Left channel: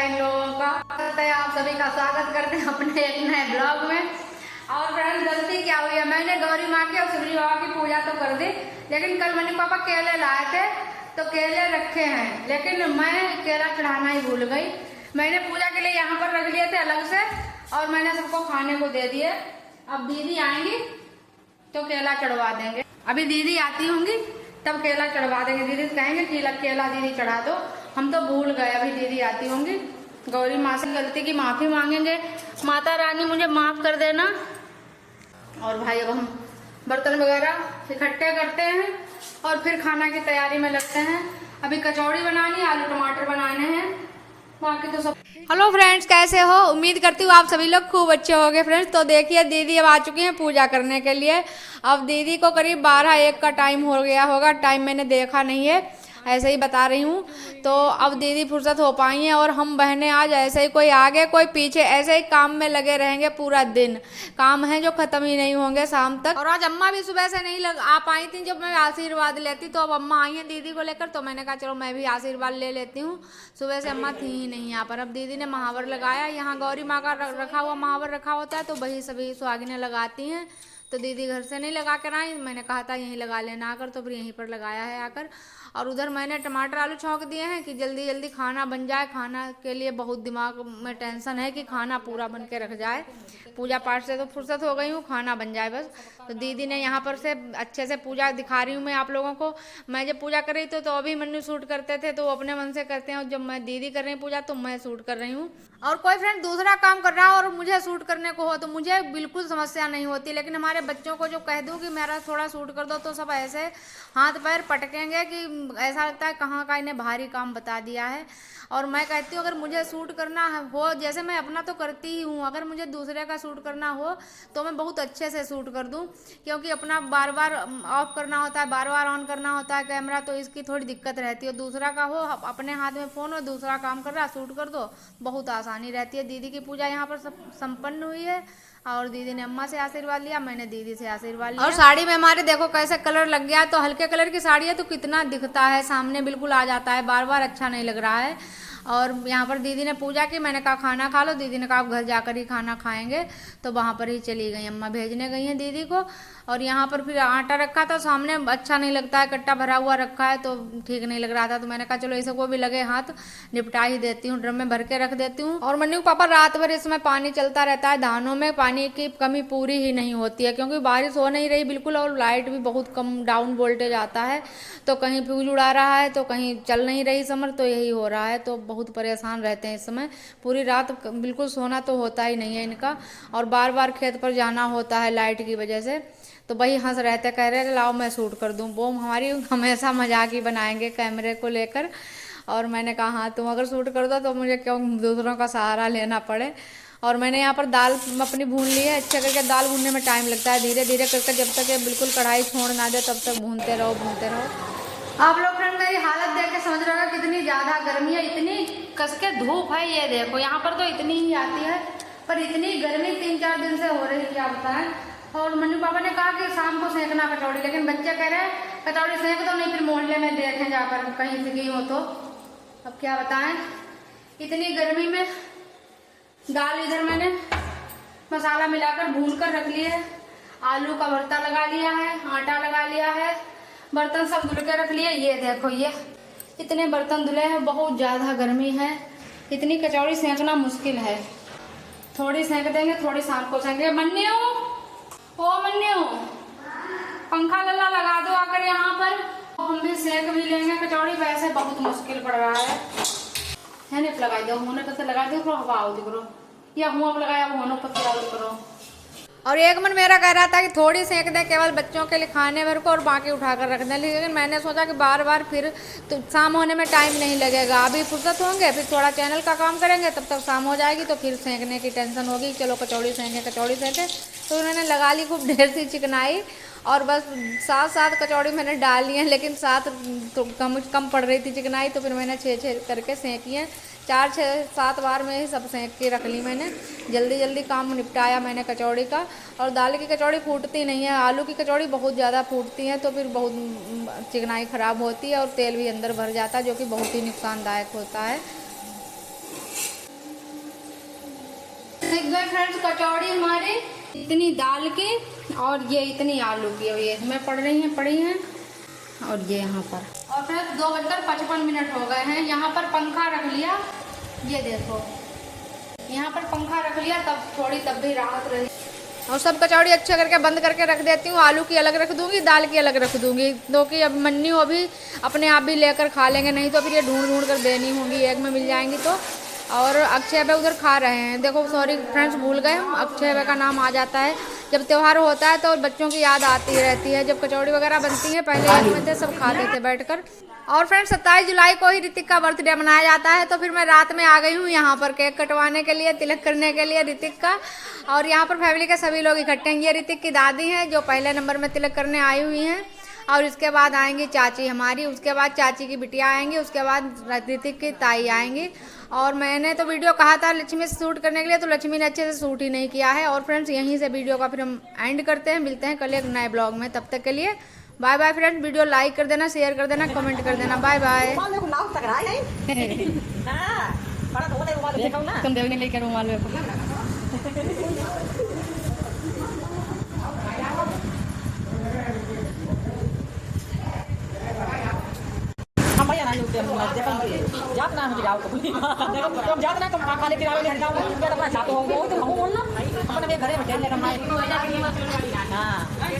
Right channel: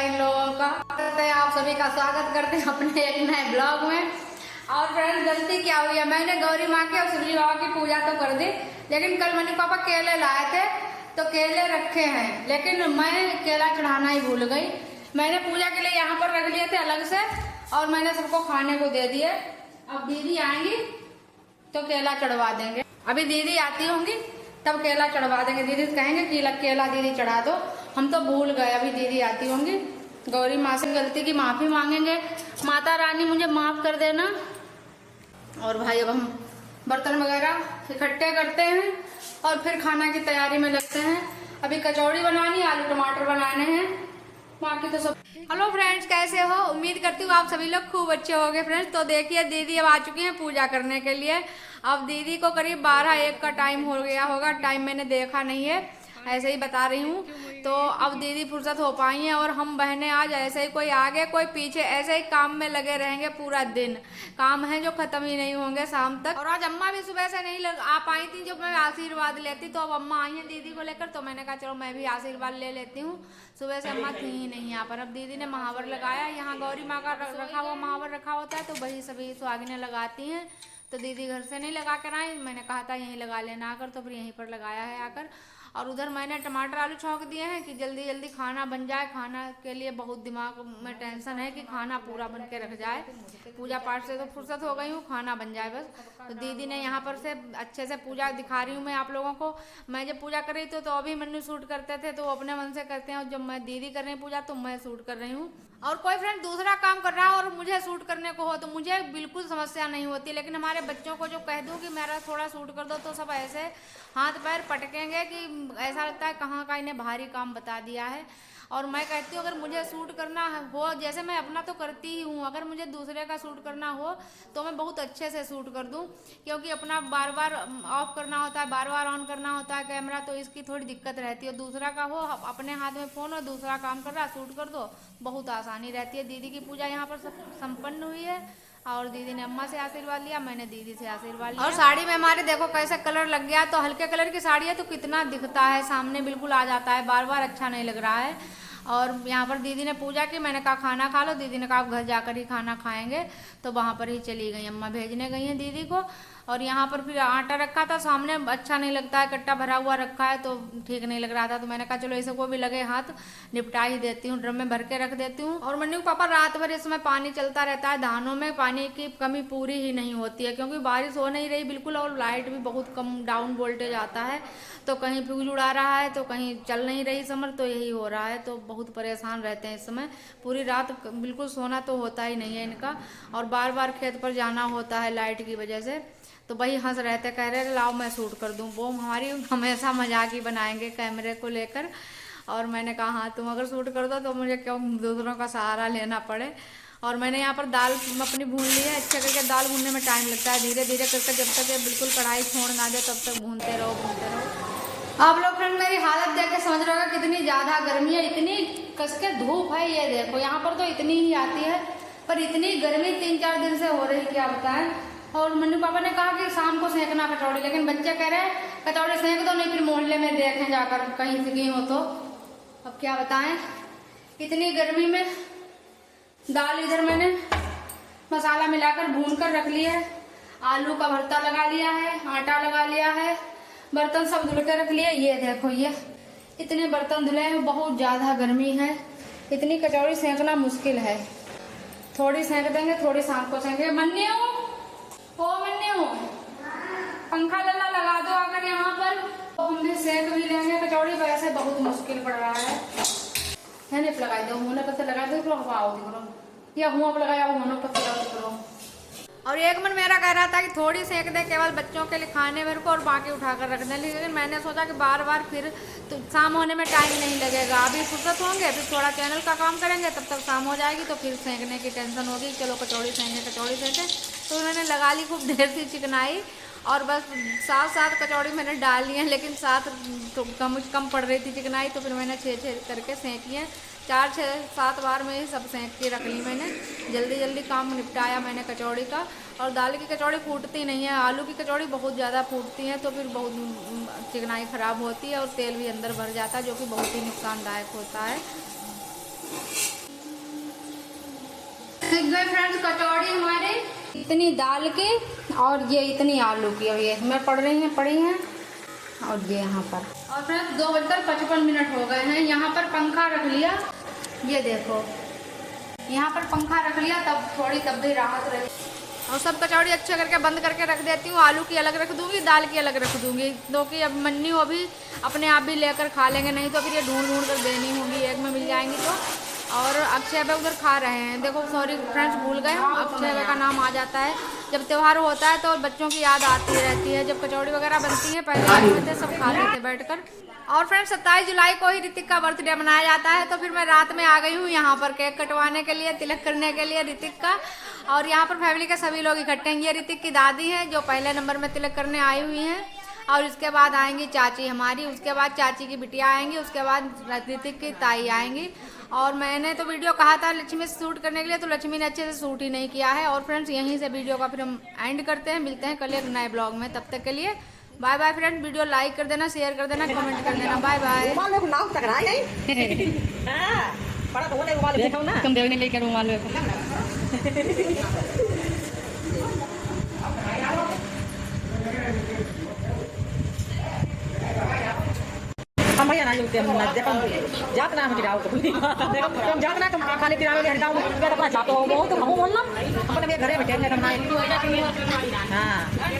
है इन लोगों का। आप सभी का स्वागत करते हैं अपने एक नए ब्लॉग में। और फ्रेंड्स, गलती क्या हुई है, मैंने गौरी माँ की और सूरज बाबा की पूजा तो कर दी, लेकिन कल मनी पापा केले लाए थे तो केले रखे हैं, लेकिन मैं केला चढ़ाना ही भूल गई। मैंने पूजा के लिए यहाँ पर रख लिए थे अलग से और मैंने सबको खाने को दे दिए। अब दीदी आएंगी तो केला चढ़वा देंगे। अभी दीदी आती होंगी तब केला चढ़वा देंगे। दीदी कहेंगे कि केला दीदी चढ़ा दो, हम तो भूल गए। अभी दीदी आती होंगी। गौरी माँ से गलती की माफी मांगेंगे, माता रानी मुझे माफ कर देना। और भाई अब हम बर्तन वगैरह इकट्ठे करते हैं और फिर खाना की तैयारी में लगते हैं। अभी कचौड़ी बनानी, आलू टमाटर बनाने हैं, बाकी तो सब। हेलो फ्रेंड्स, कैसे हो? उम्मीद करती हूँ आप सभी लोग खूब अच्छे होंगे। फ्रेंड्स, तो देखिए दीदी अब आ चुकी हैं पूजा करने के लिए। अब दीदी को करीब 12-1 का टाइम हो गया होगा, टाइम मैंने देखा नहीं है, ऐसे ही बता रही हूँ। तो अब दीदी फुर्सत हो पाई हैं और हम बहनें आज ऐसे ही कोई आगे कोई पीछे ऐसे ही काम में लगे रहेंगे पूरा दिन। काम है जो खत्म ही नहीं होंगे शाम तक। और आज अम्मा भी सुबह से नहीं आ पाई थी जब मैं आशीर्वाद लेती, तो अब अम्मा आई हैं दीदी को लेकर, तो मैंने कहा चलो मैं भी आशीर्वाद ले लेती हूँ। सुबह से अम्मा थी ही नहीं यहाँ पर। अब दीदी ने महावर लगाया, यहाँ गौरी माँ का रखा हुआ महावर रखा होता है, तो वही सभी सुहागिनें लगाती हैं। तो दीदी घर से नहीं लगा कर आई, मैंने कहा था यहीं लगा लेना आकर, तो फिर यहीं पर लगाया है आकर। और उधर मैंने टमाटर आलू छौंक दिए हैं कि जल्दी जल्दी खाना बन जाए। खाना के लिए बहुत दिमाग में टेंशन है कि खाना पूरा बन के रख जाए। पूजा पाठ से तो फुर्सत हो गई हूँ, खाना बन जाए बस। तो दीदी ने यहाँ पर से अच्छे से पूजा दिखा रही हूँ मैं आप लोगों को। मैं जब पूजा कर रही थी तो अभी मन्नू शूट करते थे, तो वो अपने मन से करते हैं, और जब मैं दीदी कर रही हूँ पूजा तो मैं शूट कर रही हूँ। और कोई फ्रेंड दूसरा काम कर रहा हो और मुझे शूट करने को हो तो मुझे बिल्कुल समस्या नहीं होती, लेकिन हमारे बच्चों को जो कह दूँ कि मेरा थोड़ा शूट कर दो तो सब ऐसे हाथ पैर पटकेंगे कि ऐसा लगता है कहाँ का इन्हें भारी काम बता दिया है। और मैं कहती हूँ अगर मुझे शूट करना हो, जैसे मैं अपना तो करती ही हूँ, अगर मुझे दूसरे का शूट करना हो तो मैं बहुत अच्छे से शूट कर दूँ, क्योंकि अपना बार बार ऑफ करना होता है, बार बार ऑन करना होता है कैमरा, तो इसकी थोड़ी दिक्कत रहती है। दूसरा का हो, अपने हाथ में फ़ोन हो, दूसरा काम कर रहा शूट कर दो, बहुत आसानी रहती है। दीदी की पूजा यहाँ पर सब संपन्न हुई है और दीदी ने अम्मा से आशीर्वाद लिया, मैंने दीदी से आशीर्वाद लिया। और साड़ी में हमारे देखो कैसे कलर लग गया, तो हल्के कलर की साड़ी है तो कितना दिखता है, सामने बिल्कुल आ जाता है, बार बार अच्छा नहीं लग रहा है। और यहाँ पर दीदी ने पूजा की, मैंने कहा खाना खा लो, दीदी ने कहा घर जाकर ही खाना खाएंगे, तो वहाँ पर ही चली गई। अम्मा भेजने गई हैं दीदी को। और यहाँ पर फिर आटा रखा था सामने, अच्छा नहीं लगता है, कट्टा भरा हुआ रखा है तो ठीक नहीं लग रहा था, तो मैंने कहा चलो इसे को भी लगे हाथ निपटा ही देती हूँ, ड्रम में भर के रख देती हूँ। और मन्नू पापा रात भर इसमें पानी चलता रहता है, धानों में पानी की कमी पूरी ही नहीं होती है, क्योंकि बारिश हो नहीं रही बिल्कुल और लाइट भी बहुत कम डाउन वोल्टेज आता है, तो कहीं फ्यूज उड़ा रहा है तो कहीं चल नहीं रही समर, तो यही हो रहा है। तो बहुत परेशान रहते हैं इस समय, पूरी रात बिल्कुल सोना तो होता ही नहीं है इनका, और बार बार खेत पर जाना होता है लाइट की वजह से। तो वही हंस रहते, कह रहे लाओ मैं शूट कर दूं। वो हमारी हमेशा मजाक ही बनाएंगे कैमरे को लेकर। और मैंने कहा हाँ तुम अगर शूट कर दो तो मुझे क्यों दूसरों का सहारा लेना पड़े। और मैंने यहाँ पर दाल अपनी भून ली है अच्छे करके। दाल भूनने में टाइम लगता है, धीरे धीरे करके, जब तक ये बिल्कुल कढ़ाई छोड़ ना दे तब तक भूनते रहो भूनते रहो। आप लोग फ्रेंड मेरी हालत देख के समझ रहे हो कितनी ज़्यादा गर्मी है, इतनी कस के धूप है। ये देखो यहाँ पर तो इतनी ही आती है, पर इतनी गर्मी 3-4 दिन से हो रही, क्या बताएं। और मन्नू पापा ने कहा कि शाम को सेंकना कचौड़ी, लेकिन बच्चे कह रहे हैं कचौड़ी सेंक दो, नहीं फिर मोहल्ले में देखें जाकर कहीं से गई हो तो। अब क्या बताएं इतनी गर्मी में। दाल इधर मैंने मसाला मिलाकर भून कर रख लिया है, आलू का भरता लगा लिया है, आटा लगा लिया है, बर्तन सब धुल के रख लिए। ये देखो ये इतने बर्तन धुले हैं, बहुत ज्यादा गर्मी है, इतनी कचौड़ी सेंकना मुश्किल है। थोड़ी सेंक देंगे, थोड़ी शाम को सेंकेंगे। मन्नू ओ मन्नू, पंखा गल्ला लगा दो आकर यहाँ पर, हम भी सेक भी लेंगे कचौड़ी। वैसे बहुत मुश्किल पड़ रहा है। लगाई दो मुँह पत्ते लगा दो, हवा आओगी करो, या मुँह लगाया मुँह पत्ते करो। और एक मन मेरा कह रहा था कि थोड़ी सेक दे केवल बच्चों के लिए खाने भर को और बाकी उठाकर रख दे, लेकिन मैंने सोचा कि बार बार फिर तो शाम होने में टाइम नहीं लगेगा। अभी फुर्सत होंगे फिर थोड़ा चैनल का काम करेंगे, तब तक शाम हो जाएगी, तो फिर सेंकने की टेंशन होगी। चलो कचौड़ी सेंके कचौड़ी सेंके, तो उन्होंने लगा ली खूब ढेर सी चिकनाई। और बस 7 कचौड़ी मैंने डाल ली हैं, लेकिन 7 तो कम पड़ रही थी चिकनाई, तो फिर मैंने 6 करके सेंकी हैं। 4-6-7 बार में ही सब सेंक के रख ली मैंने। जल्दी जल्दी काम निपटाया मैंने कचौड़ी का। और दाल की कचौड़ी फूटती नहीं है, आलू की कचौड़ी बहुत ज़्यादा फूटती है, तो फिर बहुत चिकनाई ख़राब होती है और तेल भी अंदर भर जाता है, जो कि बहुत ही नुकसानदायक होता है। गए फ्रेंड्स कचौड़ी हमारी, इतनी दाल की और ये इतनी आलू की, और ये हमें पड़ी हैं और ये यहाँ पर। और फ्रेंड्स 2:55 हो गए हैं। यहाँ पर पंखा रख लिया, ये देखो यहाँ पर पंखा रख लिया, तब थोड़ी तब भी राहत रही। और सब कचौड़ी अच्छे करके बंद करके रख देती हूँ। आलू की अलग रख दूंगी, दाल की अलग रख दूंगी, क्योंकि अब मन्नी वो भी अपने आप भी लेकर खा लेंगे, नहीं तो फिर ये ढूंढ कर देनी होंगी, एक में मिल जाएंगी तो। और अक्षय भाई उधर खा रहे हैं, देखो सॉरी फ्रेंड्स भूल गए हम, अक्षय भाई का नाम आ जाता है जब त्यौहार होता है तो बच्चों की याद आती रहती है। जब कचौड़ी वगैरह बनती है पहले आज में थे सब खाते थे बैठकर। और फ्रेंड्स 27 जुलाई को ही ऋतिक का बर्थडे मनाया जाता है, तो फिर मैं रात में आ गई हूँ यहाँ पर केक कटवाने के लिए, तिलक करने के लिए ऋतिक का। और यहाँ पर फैमिली के सभी लोग इकट्ठे हैं। ये ऋतिक की दादी हैं जो पहले नंबर में तिलक करने आई हुई हैं, और इसके बाद आएंगी चाची हमारी, उसके बाद चाची की बिटिया आएंगी, उसके बाद ऋतिक की ताई आएंगी। और मैंने तो वीडियो कहा था लक्ष्मी से शूट करने के लिए, तो लक्ष्मी ने अच्छे से शूट ही नहीं किया है। और फ्रेंड्स यहीं से वीडियो का फिर हम एंड करते हैं, मिलते हैं कल एक नए ब्लॉग में, तब तक के लिए bye bye friends. Video like कर देना, शेयर कर देना, कमेंट कर देना, बाय बाय। तुम देवी ने लेकर रुमाल जातना हम गिराओ तो देखो तुम जातना तुम खाने गिराओ ले हटाओ अगर अपना चाहते हो तो हम बोलना अपने घरे बैठे हां